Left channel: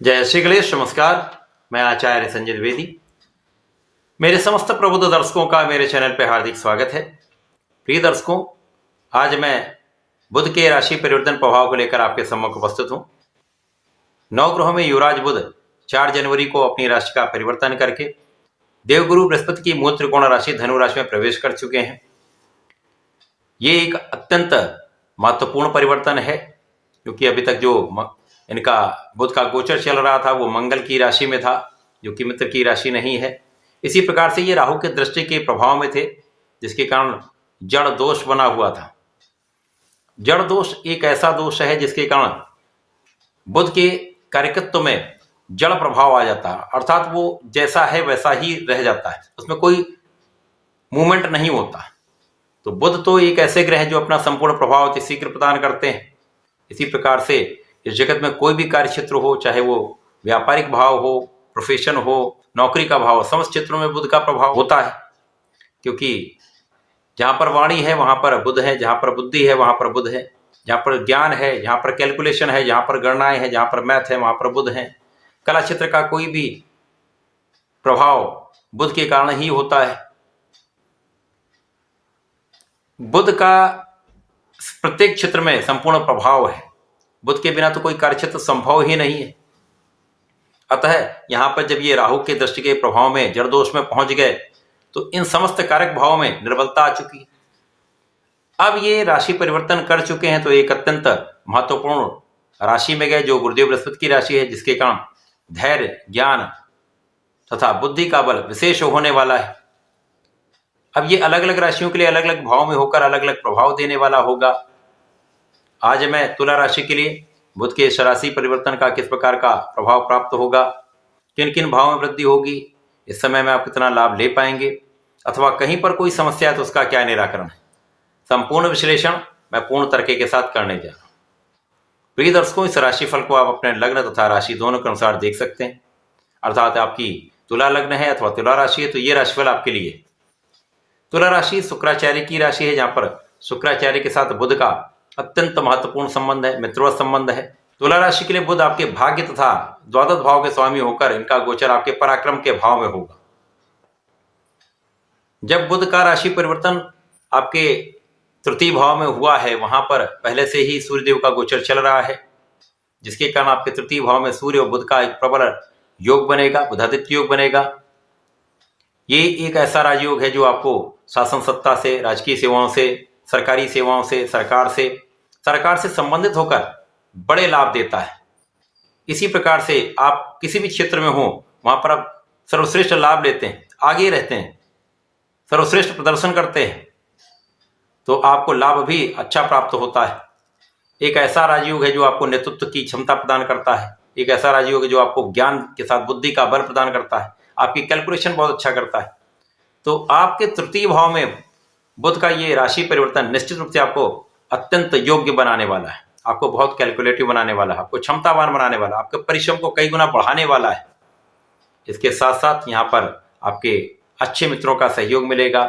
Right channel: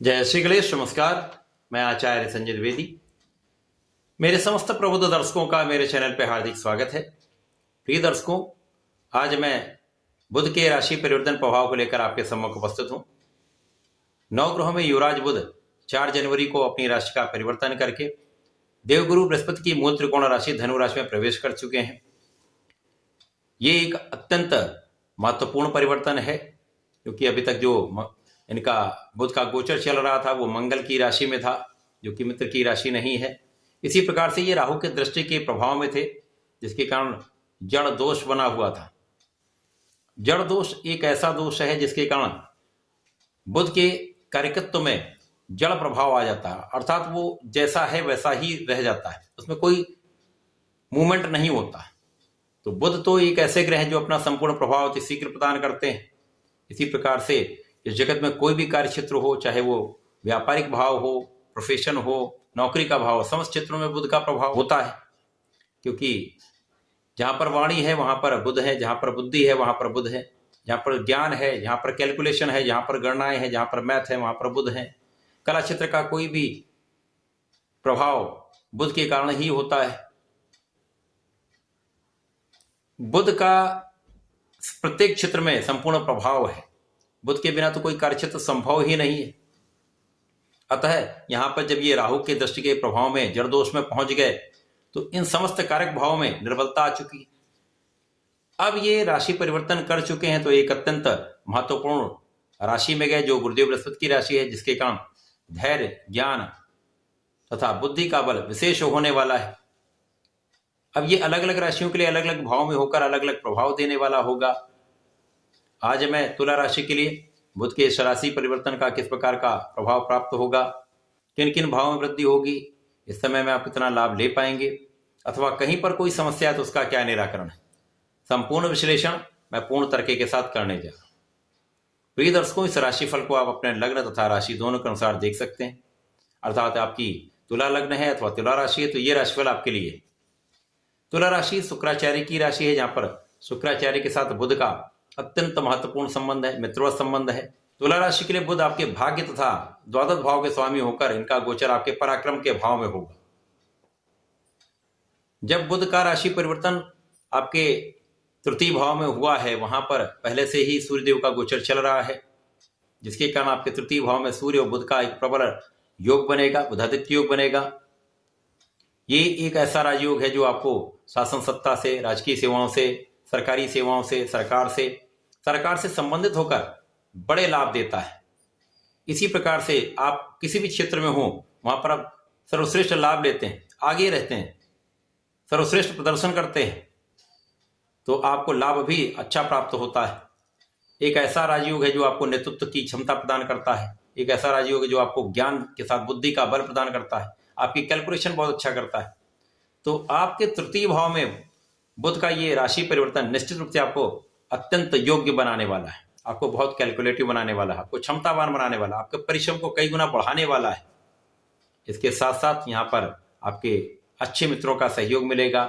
जय श्री गणेश। नमस्कार। मैं आचार्य संजय द्विवेदी। मेरे समस्त प्रबुद्ध दर्शकों का मेरे चैनल पर हार्दिक स्वागत है। प्रिय दर्शकों, आज मैं बुध के राशि परिवर्तन प्रभाव को लेकर आपके सम्मुख उपस्थित हूं। नवग्रहों में युवराज बुध 4 जनवरी को अपनी राशि का परिवर्तन करके देवगुरु बृहस्पति की मूल त्रिकोण राशि धनु राशि में प्रवेश कर चुके हैं। ये एक अत्यंत महत्वपूर्ण परिवर्तन है, क्योंकि अभी तक जो इनका बुध का गोचर चल रहा था वो मंगल की राशि में था, जो कि मित्र की राशि नहीं है। इसी प्रकार से ये राहु के दृष्टि के प्रभाव में थे, जिसके कारण जड़ दोष बना हुआ था। जड़ दोष एक ऐसा दोष है जिसके कारण बुध के कार्यकत्व में जड़ प्रभाव आ जाता है, अर्थात वो जैसा है वैसा ही रह जाता है, उसमें कोई मूवमेंट नहीं होता। तो बुध तो एक ऐसे ग्रह हैं जो अपना संपूर्ण प्रभाव अति शीघ्र प्रदान करते हैं। इसी प्रकार से इस जगत में कोई भी कार्य क्षेत्र हो, चाहे वो व्यापारिक भाव हो, प्रोफेशन हो, नौकरी का भाव हो, समस्त क्षेत्रों में बुध का प्रभाव होता है। क्योंकि जहां पर वाणी है वहां पर बुध है, जहां पर बुद्धि है वहां पर बुध है, जहां पर ज्ञान है, जहां पर कैलकुलेशन है, जहां पर गणनाएं हैं, जहां पर मैथ है वहां पर बुध है। कला क्षेत्र का कोई भी प्रभाव बुध के कारण ही होता है। बुध का प्रत्येक क्षेत्र में संपूर्ण प्रभाव है। बुध के बिना तो कोई कार्य क्षेत्र संभव ही नहीं है। अतः यहां पर जब ये राहु के दृष्टि के प्रभाव में जड़ दोष में पहुंच गए तो इन समस्त कारक भाव में निर्बलता आ चुकी। अब ये राशि परिवर्तन कर चुके हैं तो एक अत्यंत महत्वपूर्ण राशि में गए, जो गुरुदेव बृहस्पति की राशि है, जिसके कारण धैर्य, ज्ञान तथा बुद्धि का बल विशेष होने वाला है। अब ये अलग अलग राशियों के लिए अलग अलग भाव में होकर अलग अलग प्रभाव देने वाला होगा। आज मैं तुला राशि के लिए बुध के इस राशि परिवर्तन का किस प्रकार का प्रभाव प्राप्त होगा, किन किन भाव में वृद्धि होगी, इस समय में आप कितना लाभ ले पाएंगे, अथवा कहीं पर कोई समस्या है तो उसका क्या निराकरण है, संपूर्ण विश्लेषण मैं पूर्ण तरीके के साथ करने जा रहा हूं। प्रिय दर्शकों, इस राशिफल को आप अपने लग्न तथा राशि दोनों के अनुसार देख सकते हैं। अर्थात आपकी तुला लग्न है अथवा तुला राशि है तो ये राशिफल आपके लिए। तुला राशि शुक्राचार्य की राशि है, जहां पर शुक्राचार्य के साथ बुध का अत्यंत महत्वपूर्ण संबंध है, मित्रवत संबंध है। तुला राशि के लिए बुध आपके भाग्य तथा द्वादश भाव के स्वामी होकर इनका गोचर आपके पराक्रम के भाव में होगा। जब बुध का राशि परिवर्तन आपके तृतीय भाव में हुआ है, वहां पर पहले से ही सूर्यदेव का गोचर चल रहा है, जिसके कारण आपके तृतीय भाव में सूर्य और बुध का एक प्रबल योग बनेगा, बुधादित्य योग बनेगा। ये एक ऐसा राजयोग है जो आपको शासन सत्ता से, राजकीय सेवाओं से, सरकारी सेवाओं से, सरकार से संबंधित होकर बड़े लाभ देता है। इसी प्रकार से आप किसी भी क्षेत्र में हो वहां पर आप सर्वश्रेष्ठ लाभ लेते हैं, आगे रहते हैं, सर्वश्रेष्ठ प्रदर्शन करते हैं, तो आपको लाभ भी अच्छा प्राप्त होता है। एक ऐसा राजयोग है जो आपको नेतृत्व की क्षमता प्रदान करता है। एक ऐसा राजयोग है जो आपको ज्ञान के साथ बुद्धि का बल प्रदान करता है, आपकी कैलकुलेशन बहुत अच्छा करता है। तो आपके तृतीय भाव में बुध का ये राशि परिवर्तन निश्चित रूप से आपको अत्यंत योग्य बनाने वाला है, आपको बहुत कैलकुलेटिव बनाने वाला है, आपको क्षमतावान बनाने वाला है, आपके परिश्रम को कई गुना बढ़ाने वाला है। इसके साथ साथ यहाँ पर आपके अच्छे मित्रों का सहयोग मिलेगा,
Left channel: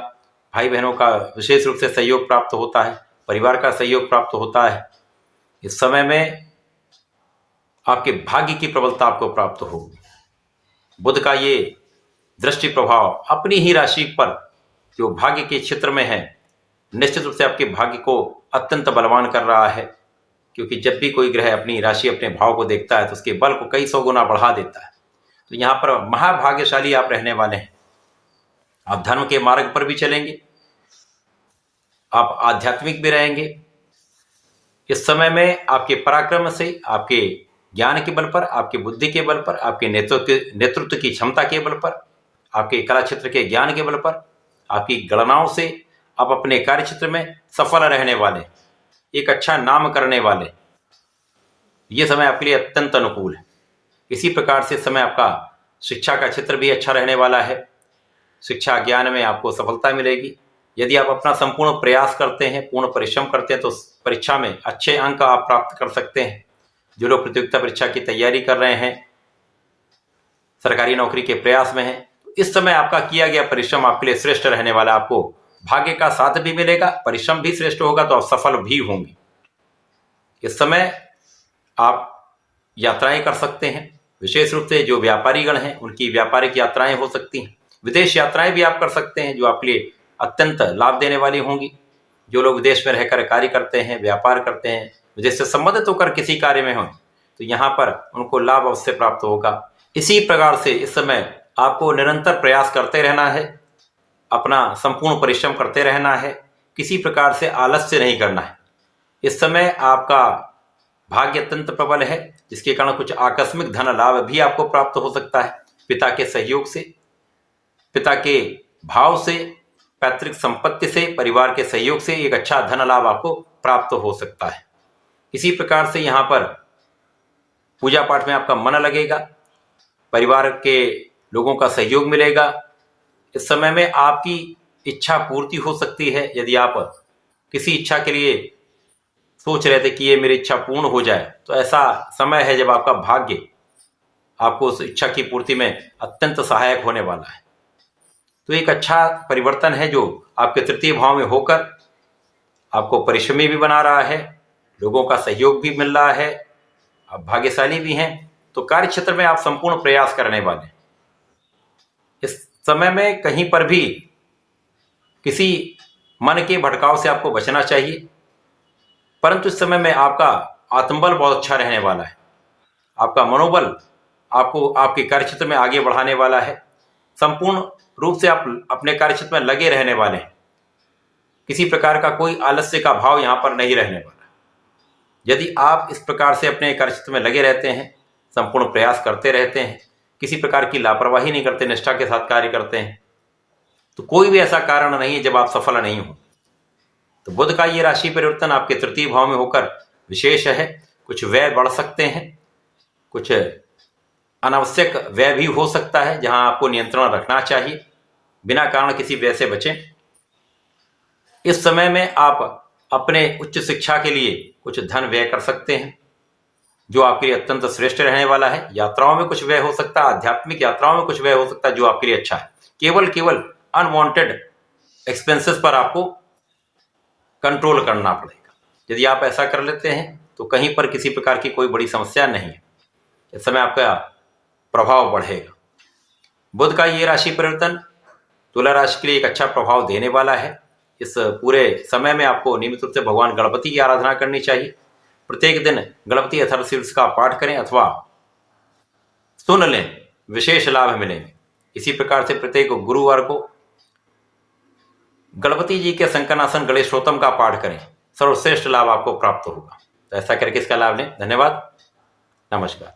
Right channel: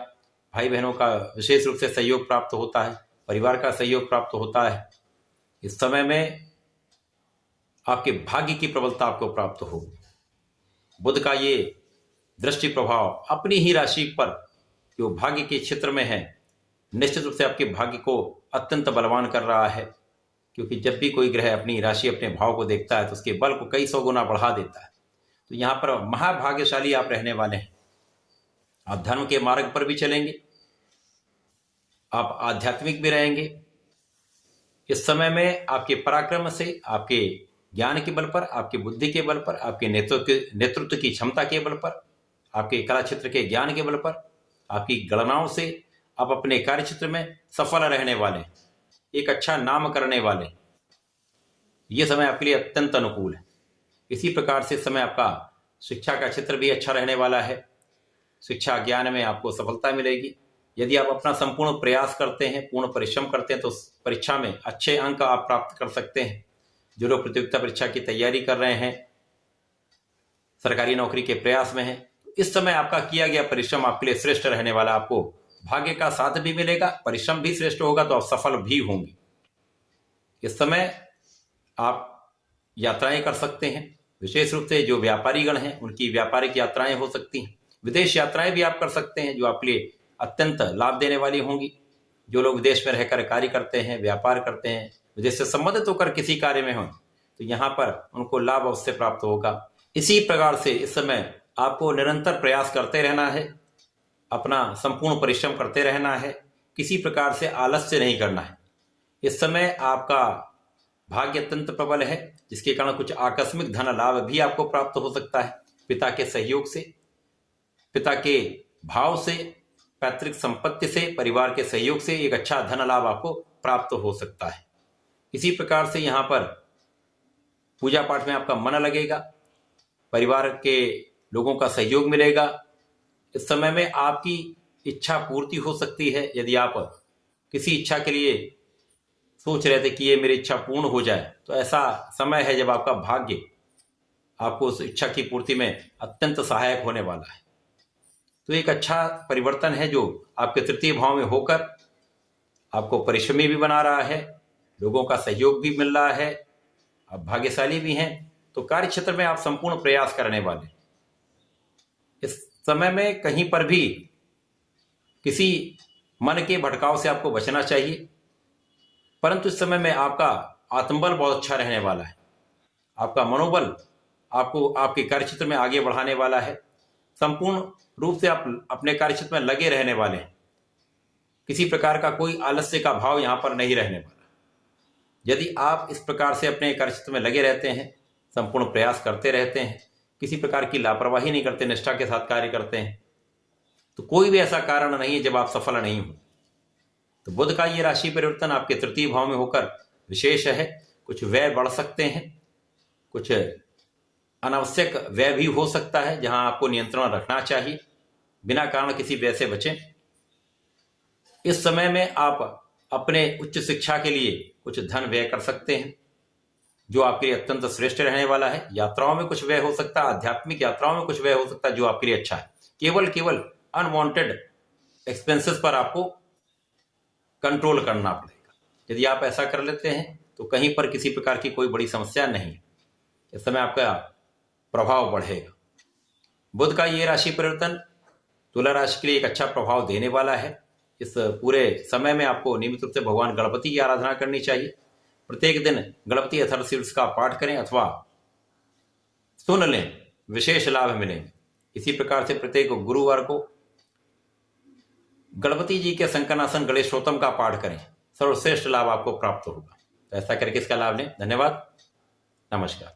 भाई बहनों का विशेष रूप से सहयोग प्राप्त होता है, परिवार का सहयोग प्राप्त होता है। इस समय में आपके भाग्य की प्रबलता आपको प्राप्त होगी। बुध का ये दृष्टि प्रभाव अपनी ही राशि पर जो भाग्य के क्षेत्र में है, निश्चित रूप से आपके भाग्य को अत्यंत बलवान कर रहा है। क्योंकि जब भी कोई ग्रह अपनी राशि, अपने भाव को देखता है तो उसके बल को कई 100 गुना बढ़ा देता है। तो यहाँ पर महाभाग्यशाली आप रहने वाले हैं। आप धर्म के मार्ग पर भी चलेंगे, आप आध्यात्मिक भी रहेंगे। इस समय में आपके पराक्रम से, आपके ज्ञान के बल पर, आपकी बुद्धि के बल पर, आपके नेतृत्व की क्षमता के बल पर, आपके कला क्षेत्र के ज्ञान के बल पर, आपकी गणनाओं से आप अपने कार्य क्षेत्र में सफल रहने वाले, एक अच्छा नाम करने वाले। यह समय आपके लिए अत्यंत अनुकूल है। इसी प्रकार से समय आपका शिक्षा का क्षेत्र भी अच्छा रहने वाला है। शिक्षा ज्ञान में आपको सफलता मिलेगी। यदि आप अपना संपूर्ण प्रयास करते हैं, पूर्ण परिश्रम करते हैं, तो परीक्षा में अच्छे अंक आप प्राप्त कर सकते हैं। जो लोग प्रतियोगिता परीक्षा की तैयारी कर रहे हैं, सरकारी नौकरी के प्रयास में हैं, इस समय आपका किया गया परिश्रम आपके लिए श्रेष्ठ रहने वाला। आपको भाग्य का साथ भी मिलेगा, परिश्रम भी श्रेष्ठ होगा, तो आप सफल भी होंगे। इस समय आप यात्राएं कर सकते हैं, विशेष रूप से जो व्यापारीगण हैं उनकी व्यापारिक यात्राएं हो सकती हैं। विदेश यात्राएं भी आप कर सकते हैं जो आपके लिए अत्यंत लाभ देने वाली होंगी। जो लोग विदेश में रहकर कार्य करते हैं, व्यापार करते हैं, विदेश से संबंधित होकर किसी कार्य में हों, तो यहाँ पर उनको लाभ अवश्य प्राप्त होगा। इसी प्रकार से इस समय आपको निरंतर प्रयास करते रहना है, अपना संपूर्ण परिश्रम करते रहना है, किसी प्रकार से आलस्य नहीं करना है। इस समय आपका भाग्य अत्यंत प्रबल है, जिसके कारण कुछ आकस्मिक धन लाभ भी आपको प्राप्त हो सकता है। पिता के सहयोग से, पिता के भाव से, पैतृक संपत्ति से, परिवार के सहयोग से एक अच्छा धन लाभ आपको प्राप्त हो सकता है। इसी प्रकार से यहाँ पर पूजा पाठ में आपका मन लगेगा, परिवार के लोगों का सहयोग मिलेगा। इस समय में आपकी इच्छा पूर्ति हो सकती है। यदि आप किसी इच्छा के लिए सोच रहे थे कि ये मेरी इच्छा पूर्ण हो जाए, तो ऐसा समय है जब आपका भाग्य आपको उस इच्छा की पूर्ति में अत्यंत सहायक होने वाला है। तो एक अच्छा परिवर्तन है जो आपके तृतीय भाव में होकर आपको परिश्रमी भी बना रहा है, लोगों का सहयोग भी मिल रहा है, आप भाग्यशाली भी हैं। तो कार्य क्षेत्र में आप संपूर्ण प्रयास करने वाले हैं। इस समय में कहीं पर भी किसी मन के भटकाव से आपको बचना चाहिए, परंतु इस समय में आपका आत्मबल बहुत अच्छा रहने वाला है। आपका मनोबल आपको आपके कार्य क्षेत्र में आगे बढ़ाने वाला है। संपूर्ण रूप से आप अपने कार्य क्षेत्र में लगे रहने वाले हैं। किसी प्रकार का कोई आलस्य का भाव यहाँ पर नहीं रहने वाला। यदि आप इस प्रकार से अपने कार्य क्षेत्र में लगे रहते हैं, संपूर्ण प्रयास करते रहते हैं, किसी प्रकार की लापरवाही नहीं करते, निष्ठा के साथ कार्य करते हैं, तो कोई भी ऐसा कारण नहीं है जब आप सफल नहीं हो। तो बुध का ये राशि परिवर्तन आपके तृतीय भाव में होकर विशेष है। कुछ व्यय बढ़ सकते हैं, कुछ अनावश्यक व्यय भी हो सकता है, जहां आपको नियंत्रण रखना चाहिए। बिना कारण किसी व्यय से बचें। इस समय में आप अपने उच्च शिक्षा के लिए कुछ धन व्यय कर सकते हैं, जो आपके लिए अत्यंत श्रेष्ठ रहने वाला है। यात्राओं में कुछ व्यय हो सकता है, आध्यात्मिक यात्राओं में कुछ व्यय हो सकता है, जो आपके लिए अच्छा है। केवल अनवांटेड एक्सपेंसेस पर आपको कंट्रोल करना पड़ेगा। यदि आप ऐसा कर लेते हैं तो कहीं पर किसी प्रकार की कोई बड़ी समस्या नहीं है। इस समय आपका प्रभाव बढ़ेगा। बुध का ये राशि परिवर्तन तुला राशि के लिए एक अच्छा प्रभाव देने वाला है। इस पूरे समय में आपको नियमित रूप से भगवान गणपति की आराधना करनी चाहिए। प्रत्येक दिन गणपति अथर्वशीर्ष का पाठ करें अथवा सुन लें, विशेष लाभ मिलेंगे। इसी प्रकार से प्रत्येक गुरुवार को गणपति जी के संकनासन गणेश स्तोत्रम का पाठ करें, सर्वश्रेष्ठ लाभ आपको प्राप्त होगा। तो ऐसा करके इसका लाभ लें। धन्यवाद, नमस्कार।